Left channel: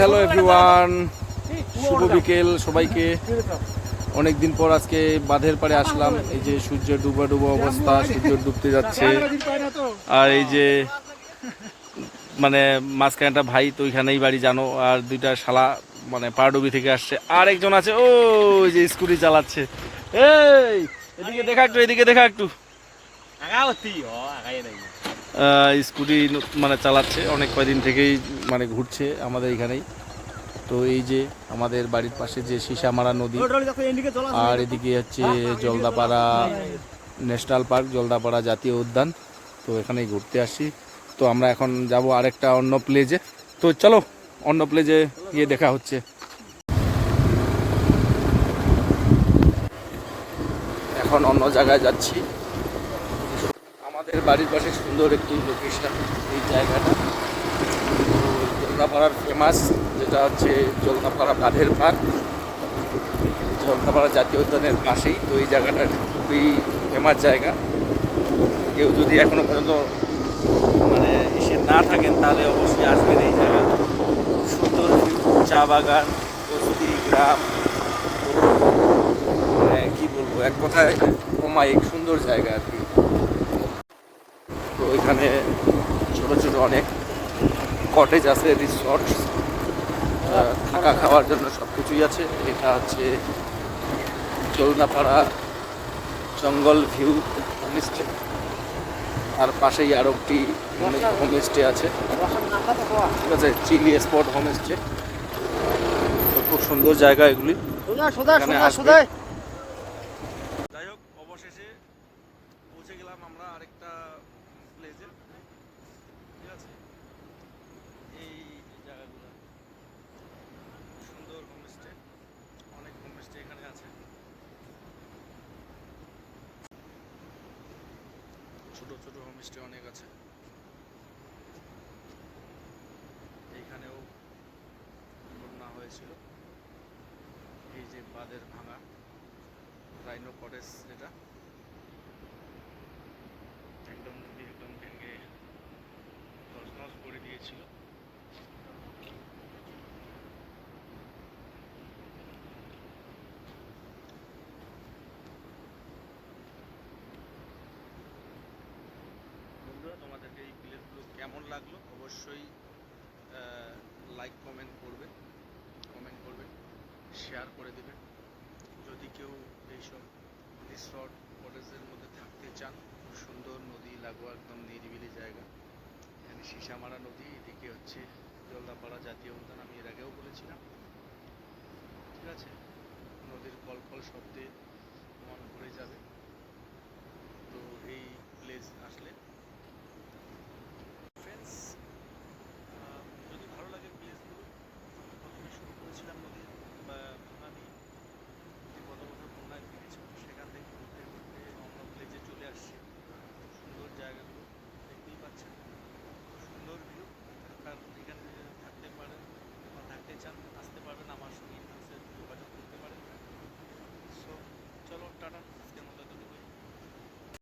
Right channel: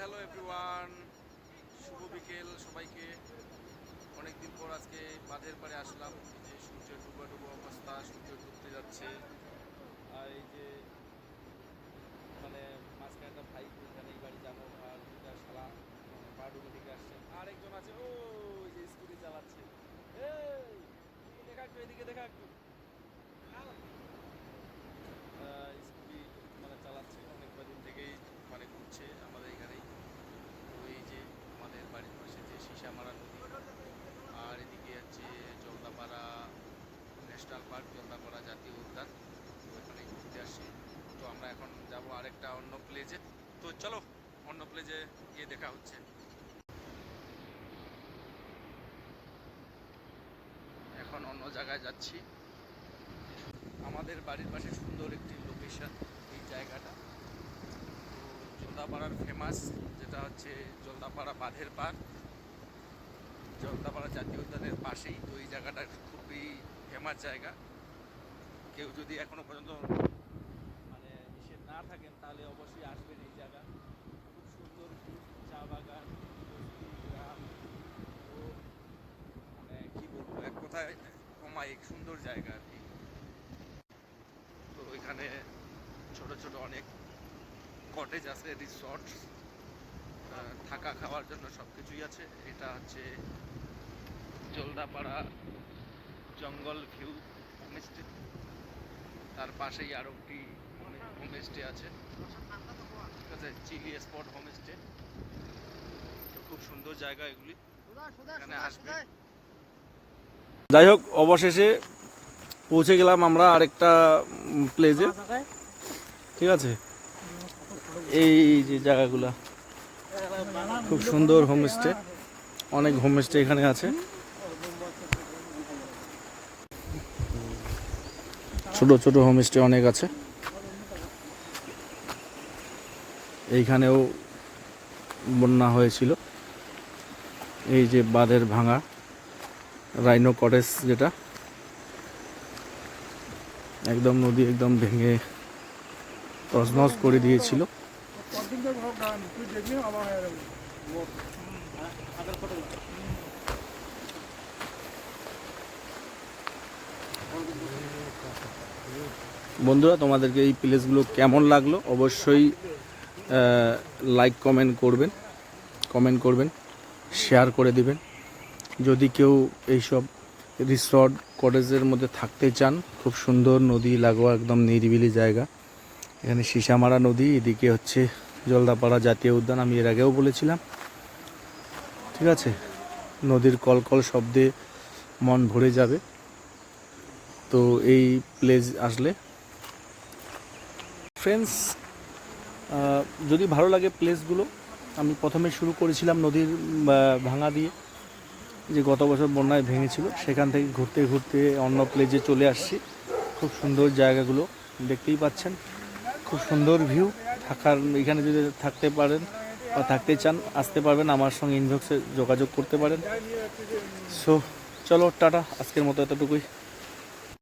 Hello everyone, শুভ বিকেল সবাইকে। অনেকদিন পর আজকে বাঁধের পাড়ে আসলাম। এই যে সূর্য ডুবা ডুবা অবস্থা, সূর্য ডুবতে যাচ্ছে। আর এই যে মানে মাঝখানে একটা ভাই তো ওইখানেই বাড়ি জানো, আর দুইটা শালা মানে পাড়ডুবি থেকে আসছে। আর একজন আছে ও যে স্কুটি চালাচ্ছে। এই এদিকে দেখা একটু, এদিকে দেখা একটু। স্কুটি মানে চালাচ্ছে অনেক কয়দিন থেকেই, মানে ঘুরছে আমাদের এখানেই। তো এই যে আমাদের বাড়ির পাশে যে সীসামারা নদী, আর এদিকে হচ্ছে জলদাপাড়া ন্যাশনাল পার্ক, জলদাপাড়া জাতীয় উদ্যান। তো এখানেই ঘুরতে আসি। তো আমরা এখন যাব আরেকটা অন্য প্লেজে। তো চলো অন্য প্লেজে গিয়ে দেখা হচ্ছে। এখন অন্য জায়গায় যাচ্ছি। আমাদের বাড়ির পাশে সুন্দর একটি লোকেশন এই জায়গাটা। জলদাপাড়ার ফেমাস যেটা হচ্ছে জলদাপাড়া বাঁধের পার্ক, জলদাপাড়া জাতীয় উদ্যানের পাশেই। তো এই জায়গাটা খুবই ফেমাস জায়গা। কেউ যদি এখনো পর্যন্ত মানে এসে না থাকেন তাহলে অবশ্যই আসবেন এই জায়গা। সুন্দর চা বাগান, বস্তি গ্রাম, মানে কী বলবো, এক কথায় অমায়িক সুন্দর জায়গা আর কি। তো এখানে ছোট ছোট অনেক কটেজ আছে, রিসর্ট, থাকা খাওয়ার জন্য সব কিছুই আছে। এটা হচ্ছে জলদাপাড়া জঙ্গল ভিউ হোমস্টে। আর পাশেই আরও একটি হোমস্টে আছে, ঠিক আছে, চিলি স্পট হোমস্টে। তো খুব সুন্দর জায়গা এগুলি, এখানে আসবে। যাই হোক, অবশেষে পৌঁছে গেলাম আমরা আরেকটা প্লেসে, ঠিক আছে। এই যে জায়গাগুলা খুব সুন্দর হোমস্টে, অনেক হোমস্টে এখানে আছে। ছোট ছোট হোমস্টে অনেক আছে। এইখানেও বন্যা হয়েছিল। এই যে বাঁধের ভাঙা রাইনো কটেজ, যেটা একদম নদী একদম ভেঙে তছনছ করে দিয়েছিল। বন্ধুরা, তোমাদেরকে এই প্লেসগুলো কেমন লাগলো অবশ্যই লাইক কমেন্ট করবেন, শেয়ার করে দিবেন। যদি কেউ এইসব রিসর্ট কটেজের মধ্যে থাকতে চান, খুব সুন্দর নদী লাগোয়া একদম নিরিবিলি জায়গা। এখানে সীসামারা নদী, এদিকে হচ্ছে জলদাপাড়া জাতীয় উদ্যান, আমি এর আগেও বলেছিলাম, ঠিক আছে। নদীর কলকল শব্দে মন ভরে যাবে। তো এই প্লেস আসলে ফ্রেন্ডস, যদি ভালো লাগে প্লেসগুলো, আমি প্রথমে শুরু করেছিলাম নদীর ভাঙা দিয়ে, যে গত বছর বন্যায় ভেঙেছিল, সেখান থেকে ঘুরতে ঘুরতে অন্য প্লেসে চলে আসছি। খুব সুন্দর জায়গাগুলো দেখতেই পাচ্ছেন, খুব সুন্দর ভিউ। থাকার এখানে যদি থাকতে পারেন বা থাকতে চান, আসতে পারবেন, আমার সঙ্গে ইনবক্সে যোগাযোগ করতে পারেন। সো চলো টাটা, আজকের মতো এতটুকুই।